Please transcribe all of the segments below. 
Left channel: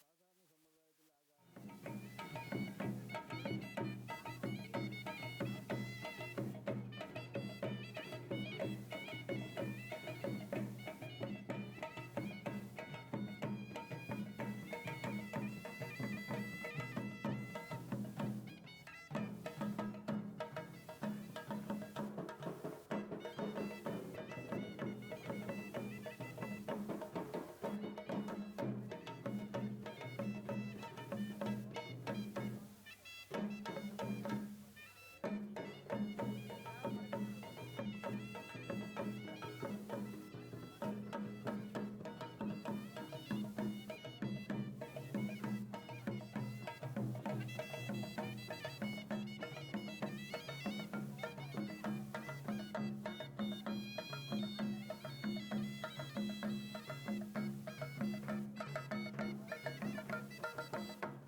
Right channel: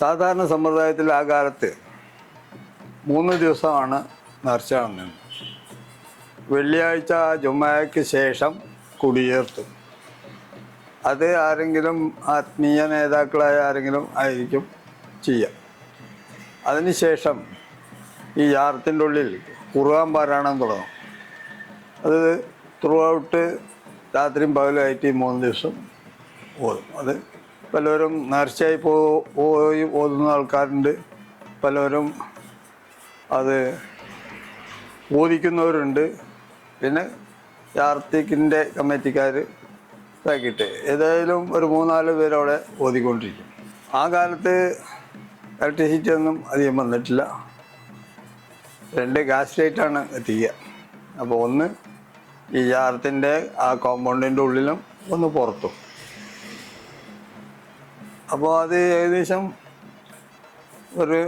സാധാരണ സമ്പ്രദായത്തിൽ ആ കാലത്ത് 3 ദിവസമാണ് നേർച്ച നടന്നത്. വെള്ളിയാഴ്ച ജുമായ്ക്ക് ശേഷം കുടിയേർത്തും. അത് ആരെങ്കിലും ആത്മീയ നേതാക്കളായ ആരെങ്കിലും ആയിരിക്കും ചെയ്യുക. അതിനുശേഷം ഈ യാറത്തിൻ്റെ ഉള്ളിൽ ഖുർആൻ പാരായണം തുടങ്ങും. അത് ത്രൂ ഔട്ട് രാത്രിയും പകലുമായിട്ട് 3 ദിവസം ഓതും. അത് പലരും നേർച്ചയായി പോയി ഓതുന്ന ആൾക്കാരുണ്ട്, പലരും അത് ഓദിക്കുന്നവരുണ്ട്. പിന്നെ യാർത്തിക്കിൻ്റെ കമ്മിറ്റിക്കാർ ഇതാക്കിയിട്ട് ഏതായാലും ഒരു 3-4 പേരവിടെ ഓതിക്കൊണ്ടിരിക്കും. ആ കാലത്ത് ഇലക്ട്രിസിറ്റി ഒന്നും അധികം വന്നിട്ടില്ല. 2 ഗ്യാസ് ലൈറ്റാണ് എത്തിക്കുക. അപ്പോൾ ഒന്ന് ഈ യാറത്തിൻ്റെ ആ കോമ്പൗണ്ടിൻ്റെ ഉള്ളിലും ഒന്ന് പുറത്തും. അപ്പോൾ അത് ഏകദേശം ഒരു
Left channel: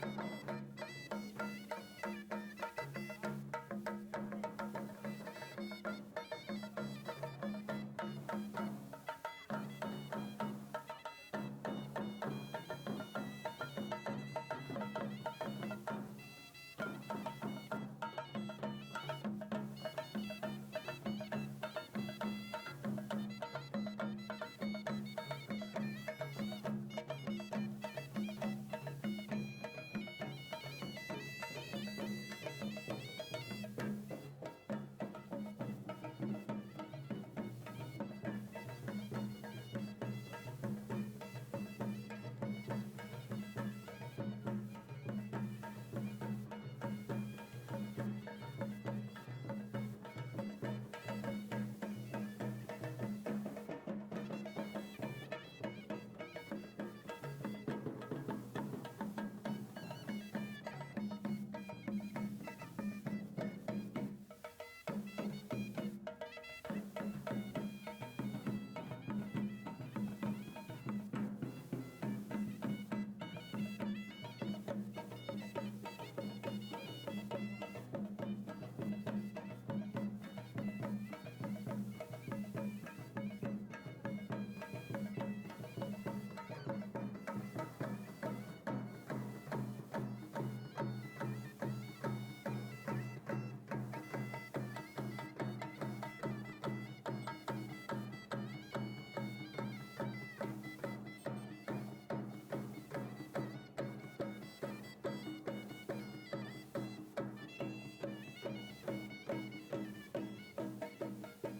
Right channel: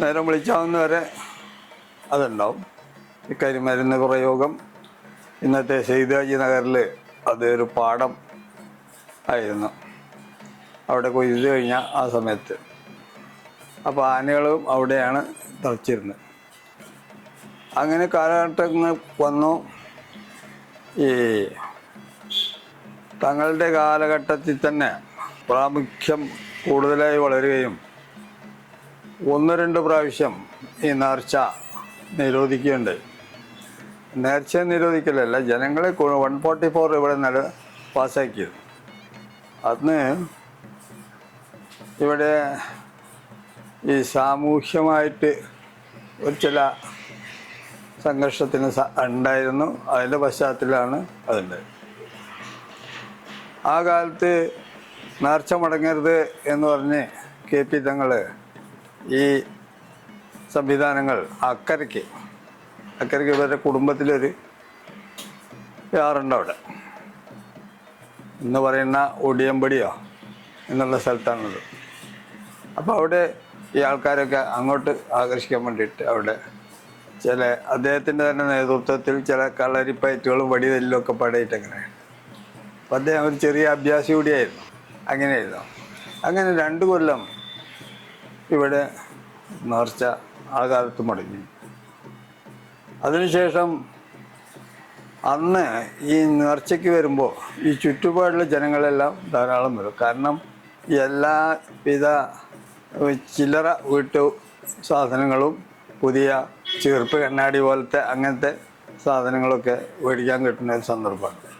നേരം വിളിച്ചാവുന്ന വരെ അതുണ്ടാവും. ഈ കരിമരുന്ന് പ്രയോഗം ഇന്നത്തെ സെയ്ദാജി നഗറിൽ അതൊരു പാടം ആയിരുന്നു. അവിടെ കൊയ്ത് കഴിഞ്ഞ ആ സമയത്ത് അപ്പോൾ ആനകളും അവിടെയാണ് തളച്ചിരുന്നത്. അങ്ങനെ കാലഘട്ടങ്ങൾ വന്നു. ഈ തങ്ങളുടെ കാലഘട്ടത്തിൽ തന്നെ പ്രാമുഖ്യം കൂടുതലായി വളരുകയും 1-2 പ്രാവശ്യം ഈ നേർച്ച നിരോധിക്കുകയുണ്ടായി. നേർച്ച നിരോധിക്കലല്ല, ജനങ്ങളെ 144 ഇവിടെ പാസ്സാക്കിയത്. അന്ന് ഇവിടെ ഈ സാമൂഹ്യമായിട്ട് ഒരു ചില സംഘർഷത്തിന് ഉണ്ടായിരുന്നു. അതിൻ്റെ പശ്ചാത്തലമാണ് അതുണ്ടായത്. ആ കാലത്ത് നേർച്ച മുടങ്ങരുത് എന്ന് പറഞ്ഞ് KP തങ്ങൾ ഈ സംവിധാനങ്ങൾ അക്കരയ്ക്ക് ഇവരുടെ കുടുംബത്തിലൊരു യാറുണ്ട് അവിടെ എന്ന് പറയുന്ന ഒടിയമ്പടിയോ എന്നുള്ള സ്ഥലത്താണത്. അപ്പോൾ അവിടെ ഈ ആൾക്കാരൊക്കെ അങ്ങോട്ട് ആകർഷിക്കാൻ വേണ്ടിയിട്ട് അവിടെ ചില അദ്ദേഹത്തിൻ്റെ തന്നെ നേതൃത്വത്തിൽ ചില കളരിപ്പയറ്റുകളും വടിതല്ലും ഒക്കെ പടയിട്ടങ്ങനെ. അപ്പം അദ്ദേഹം ഒരു ചെറിയ അഭ്യാസി കൂടിയായിരുന്നു. അങ്ങനെയായിരുന്നു. അങ്ങനെ 2 കൊല്ലം ഇവിടെ നേർച്ച ആ കാലത്ത് മുടങ്ങി. അതിനുശേഷം അന്ന് ഈ നേർച്ചയ്ക്ക് വരുമ്പോൾ ഈ ചുറ്റുപാടുള്ള ജനങ്ങളെല്ലാം ധാരാളം വരും. കാരണം എല്ലാവിധ ചില്ലറ വീട്ടു സാധനങ്ങളും പുതിയ ചീർപ്പ് കണ്ണാടി പോലത്തെ അങ്ങനത്തെ സാധനങ്ങളൊക്കെ മേടിക്കാൻ കിട്ടുന്ന ഒരു സന്ദർഭമാണ്.